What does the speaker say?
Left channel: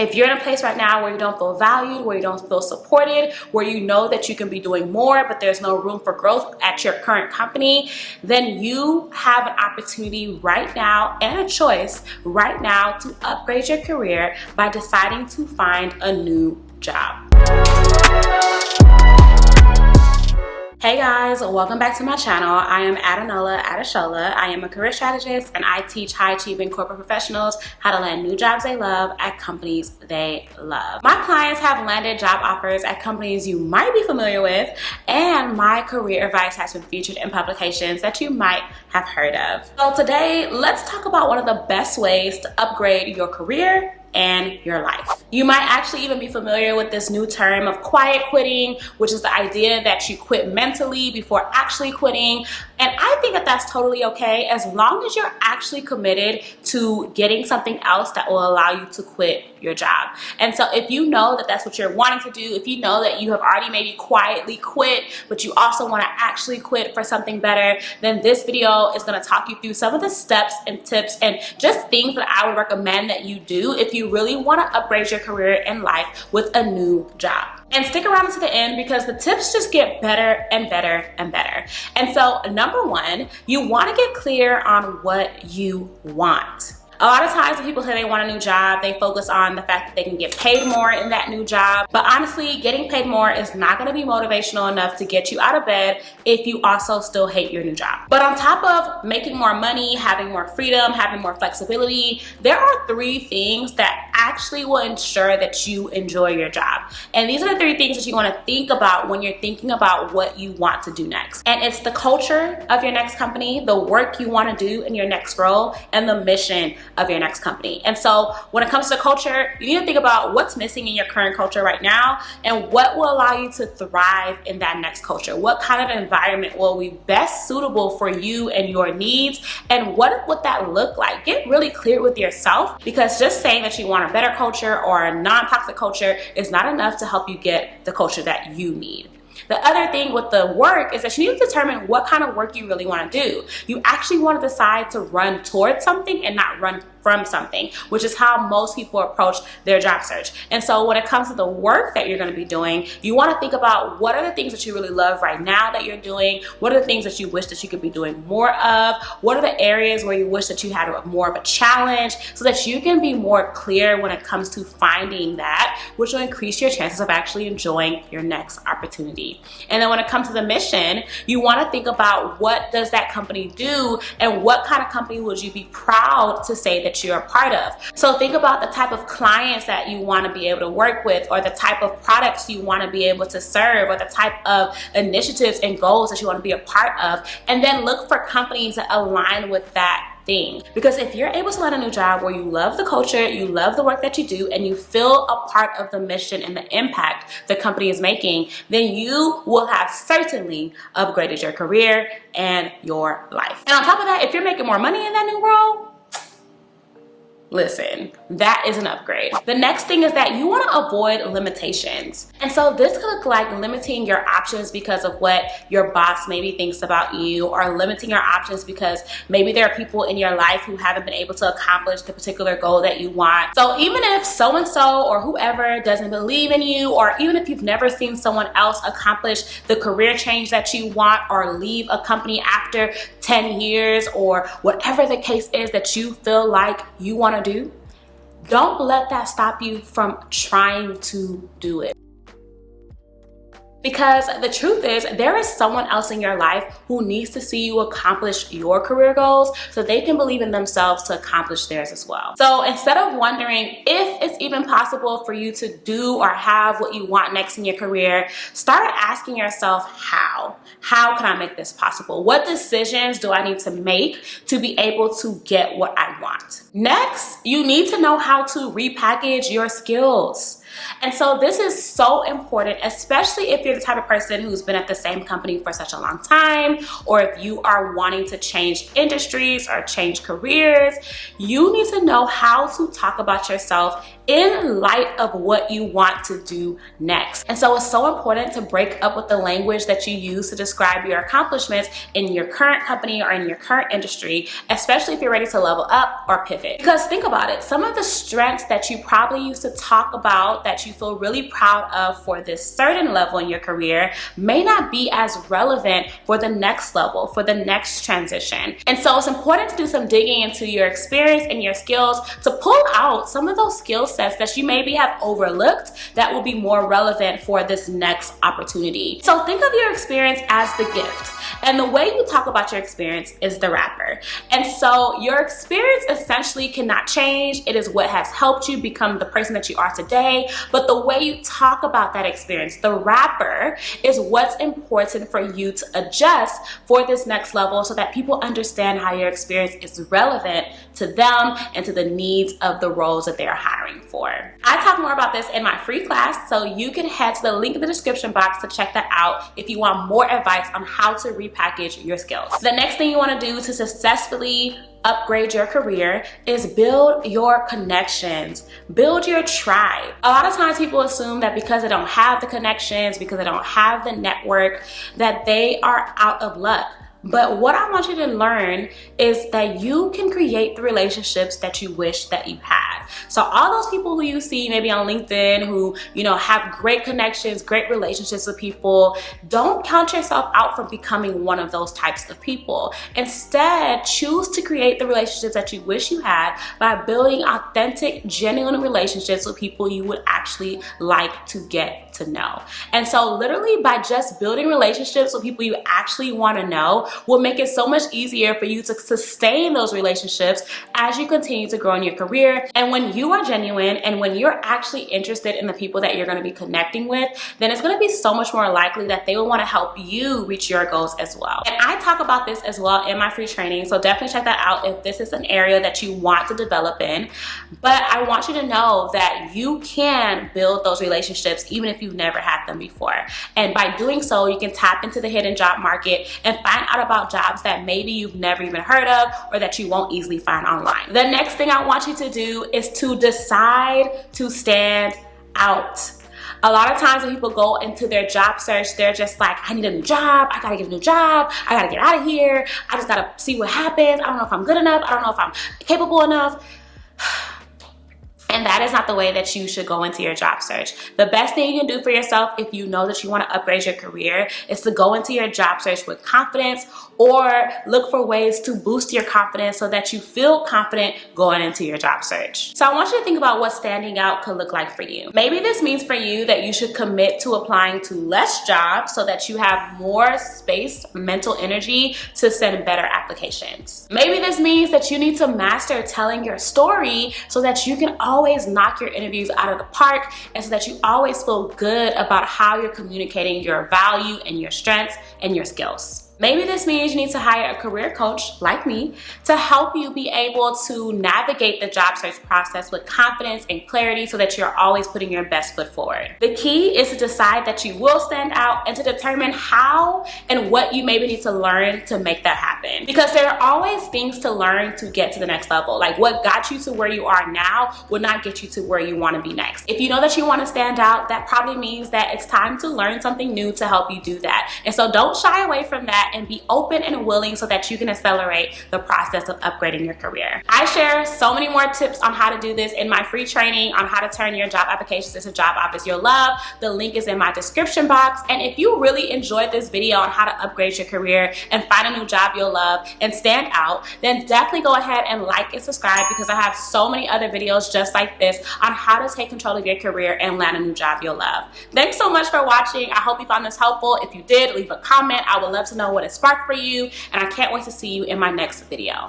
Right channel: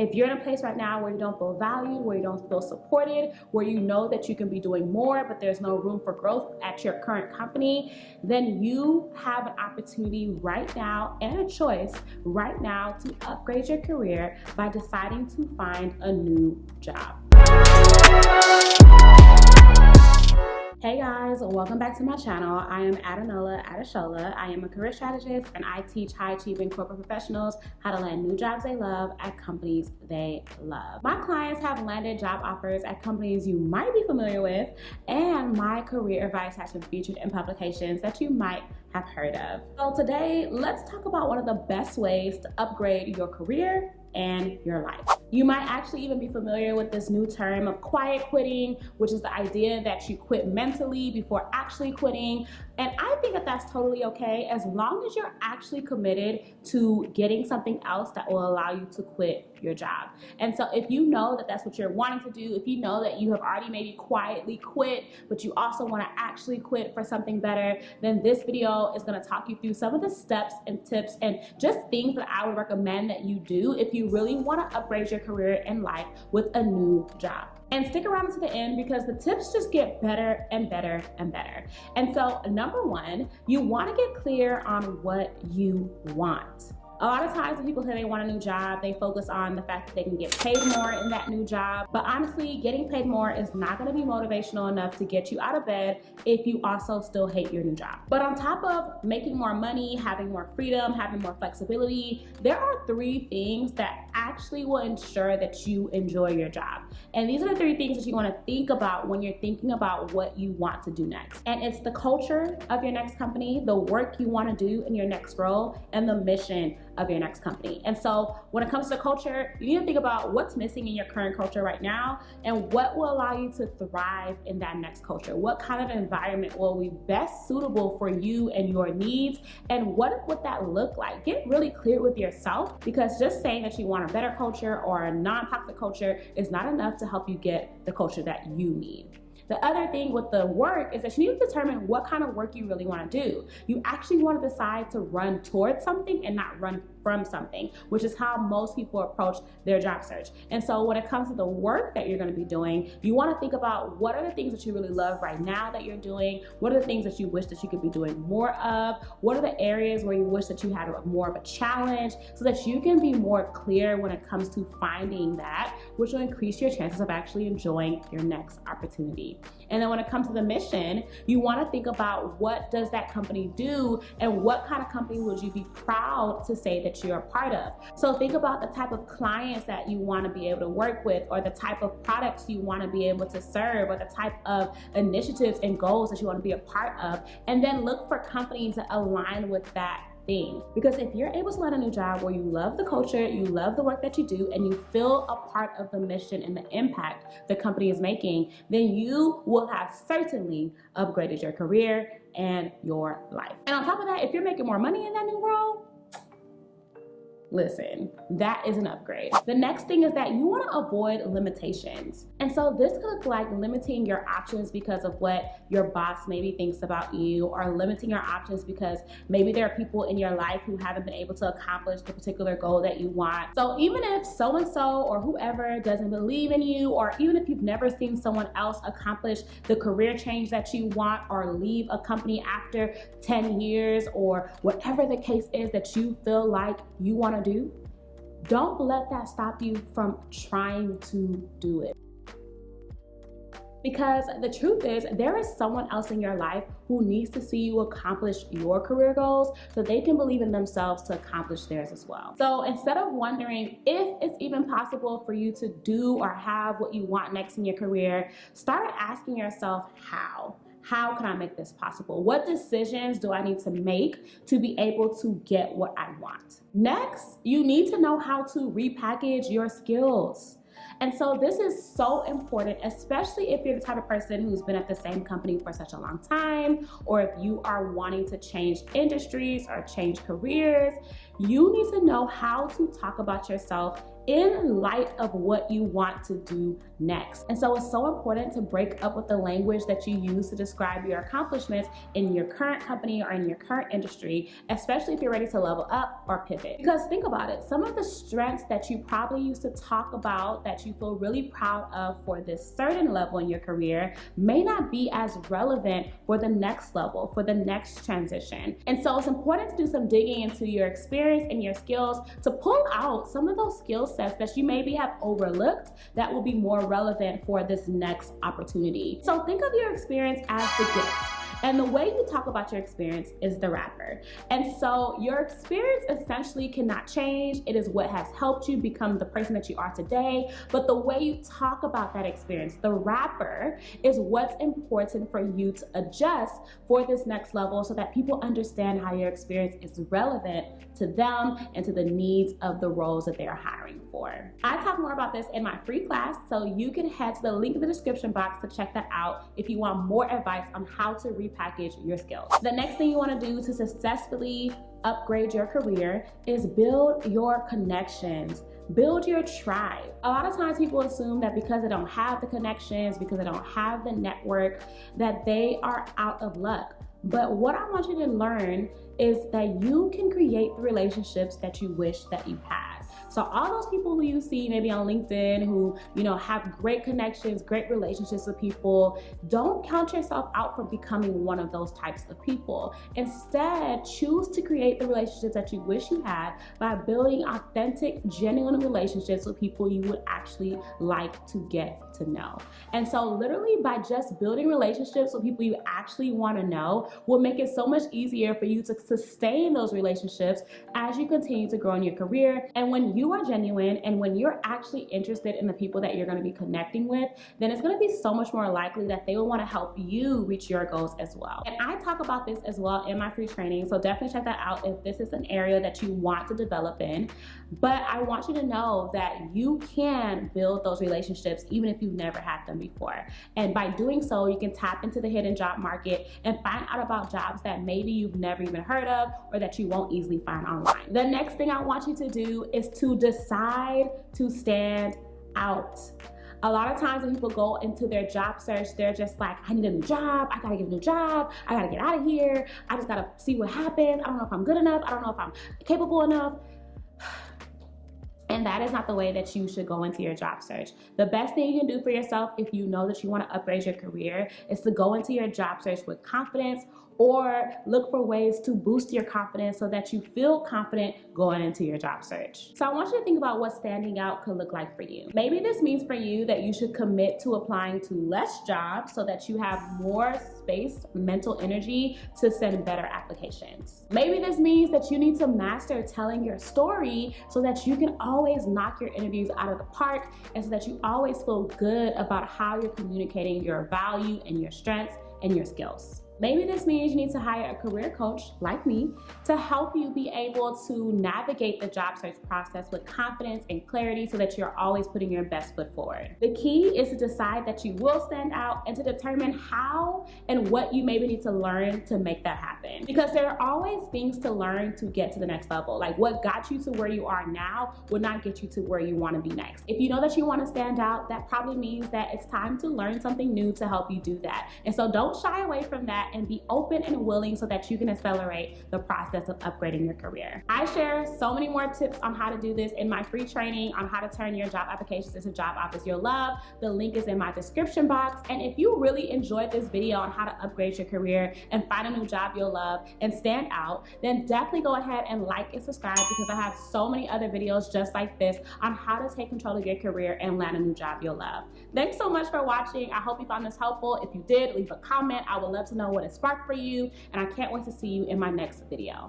If you're in a place right now where you don't feel valued, where you don't feel supported, where you know that you can be doing more, but there's no room for growth at your current company, then you have an opportunity right now and a choice right now to upgrade your career by deciding to find a new job. Hey guys, welcome back to my channel. I am Adunola, Adeshola. I am a career strategist and I teach high achieving corporate professionals how to land new jobs they love at companies they love. My clients have landed job offers at companies you might be familiar with, and my career advice has been featured in publications that you might have heard of. So today, let's talk about one of the best ways to upgrade your career and your life. You might actually even be familiar with this new term of quiet quitting, which is the idea that you quit mentally before actually quitting. And I think that that's totally okay as long as you're actually committed to getting something else that will allow you to quit your job. And so if you know that that's what you're wanting to do, if you know that you have already maybe quietly quit, but you also want to actually quit for something better, then this video is going to talk you through some of the steps and tips and just things that I would recommend that you do if you really want to upgrade your career and life with a new job. And stick around to the end because the tips just get better and better and better. And so number one, you want to get clear on what you want. A lot of times when people say they want a new job, they focus on the fact that they can get paid more in that new job. But honestly, getting paid more is not going to be motivational enough to get you out of bed if you also still hate your new job. But on top of making more money, having more freedom, having more flexibility, there are three things that actually will ensure that you enjoy your job. And these are the three things that you want to think about when you're thinking about what you want to do next. And it's the culture of your next company, the work you want to do in your next role, and the mission of your next company. And so when it comes to culture, you need to think about what's missing in your current culture right now and what will allow you to thrive in that next culture. What kind of environment will be best suitable for you and your needs, and what would that look like? Get really clear with yourself, because just saying that you want a better culture or a non-toxic culture is not enough to help you get the culture that you need. The other thing with the work is that you need to determine what kind of work you really want to do. You actually want to decide to run towards something and not run from something, which is how most people approach their job search. And so when it comes to the work that you're going to be doing, you want to think about what are the things that you really love right now that you're doing, what are the things that you wish that you could be doing more of, what are the areas where you wish that you had more of a challenge, so that you can be more clear when it comes to finding that, which will increase your chances of actually enjoying your next opportunity. And then when it comes to the mission, you want to think about what does that company do and what kind of company would you be proud to say that you're a part of. So think about the type of clients that you want to be able to work with, or the type of products you want to be able to serve, or the type of initiatives and goals that you want to be a part of, and then look for companies that align with that thing. Because if you're able to land a new job where you love the culture, you love the work that you do, and you feel a part of the mission and the impact the company is making, then you will have certainly upgraded your career and your life. And on top of that, if you're making more money in that new role, listen, that is an upgrade. The next thing is that you want to avoid limitations. And so this could look like limiting your options because of what your boss maybe thinks about you, or limiting your options because maybe there are people in your life who haven't been able to accomplish the particular goal that you want. So even if so-and-so or whoever doesn't believe in you, or even if you've never seen someone else accomplish the career change that you want, or leave a company after 10 years, or whatever the case is that you feel like you want to do, don't let that stop you from trying to do it. Because the truth is, there is someone else in your life who needs to see you accomplish your career goals so they can believe in themselves to accomplish theirs as well. So instead of wondering if it's even possible for you to do or have what you want next in your career, start asking yourself how. How can I make this possible? What decisions do I need to make to be able to get what I want? Next, you need to know how to repackage your skills. And so this is so important, especially if you're the type of person who's been at the same company for such a long time, or if you are wanting to change industries or change careers. You need to know how to talk about yourself in light of what you want to do next. And so it's so important to break up with the language that you use to describe your accomplishments in your current company or in your current industry, especially if you're ready to level up or pivot. Because think about it, some of the strengths that you probably used to talk about that you feel really proud of for this certain level in your career may not be as relevant for the next level, for the next transition. And so it's important to do some digging into your experience and your skills to pull out some of those skill sets that you maybe have overlooked that will be more relevant for this next opportunity. So think of your experience as the gift. And the way you talk about your experience is the wrapper. And so your experience essentially cannot change. It is what has helped you become the person that you are today. But the way you talk about that experience, the wrapper, is what's important for you to adjust for this next level so that people understand how your experience is relevant to them and to the needs of the roles that they're hiring for. I talk more about this in my free class, so you can head to the link in the description box to check that out if you want more advice on how to repackage your skills. The next thing you want to do to successfully upgrade your career is build your connections, build your tribe. A lot of times people assume that because they don't have the connections, because they don't have the network, that they are out of luck. But what I want you to learn is that you can create the relationships that you wish that you had. So all those people who you see maybe on LinkedIn who, have great connections, great relationships with people, don't count yourself out from becoming one of those types of people. Instead, choose to create the relationships that you wish you had by building authentic, genuine relationships with people you would actually like to get to know. And so literally by just building relationships with people you actually want to know will make it so much easier for you to sustain those relationships as you continue to grow in your career. And when you are genuine and when you're actually interested in the people that you're going to be connecting with, then it's going to be so much more likely that they will want to help you reach your goals as well. And I talk about this as well in my free training, so definitely check that out if this is an area that you want to develop in. But I want you to know that you can build those relationships even if you've never had them before. And by doing so, you can tap into the hidden job market and find out about jobs that maybe you've never even heard of or that you won't easily find online. The next thing I want you to do is to decide to stand out. A lot of times when people go into their job search, they're just like, I need a new job. I gotta get a new job. I gotta get out of here. I just gotta see what happens. I don't know if I'm good enough. I don't know if I'm capable enough. And that is not the way that you should go into your job search. The best thing you can do for yourself if you know that you want to upgrade your career is to go into your job search with confidence or look for ways to boost your confidence so that you feel confident going into your job search. So I want you to think about what standing out could look like for you. Maybe this means for you that you should commit to applying to less jobs so that you have more space, mental energy to send better applications. Maybe this means that you need to master telling your story so that you can always knock your interviews out of the park and so that you always feel good about how you're communicating your value and your strengths and your skills. Maybe this means you need to hire a career coach like me to help you be able to navigate the job search process with confidence and clarity so that you're always putting your best foot forward. The key is to decide that you will stand out and to determine how and what you maybe need to learn to make that happen. Because there are always things to learn to get to the next level. Like what got you to where you are now will not get you to where you want to be next. If you know that you want to stand out, that probably means that it's time to learn something new to help you do that. And so don't shy away from that and be open and willing so that you can accelerate the process of upgrading your career. I share so many more tips on how to do this in my free training on how to turn your job applications into job offers you'll love. The link is in my description box. And if you really enjoyed this video on how to upgrade your career and find a new job you'll love and stand out, then definitely go ahead and like and subscribe because I have so many other videos just like this on how to take control of your career and land a new job you'll love. Thanks so much for watching. I hope you found this helpful. If you did, leave a comment. I would love to know what it sparked for you, and I can't wait to see you in my next video.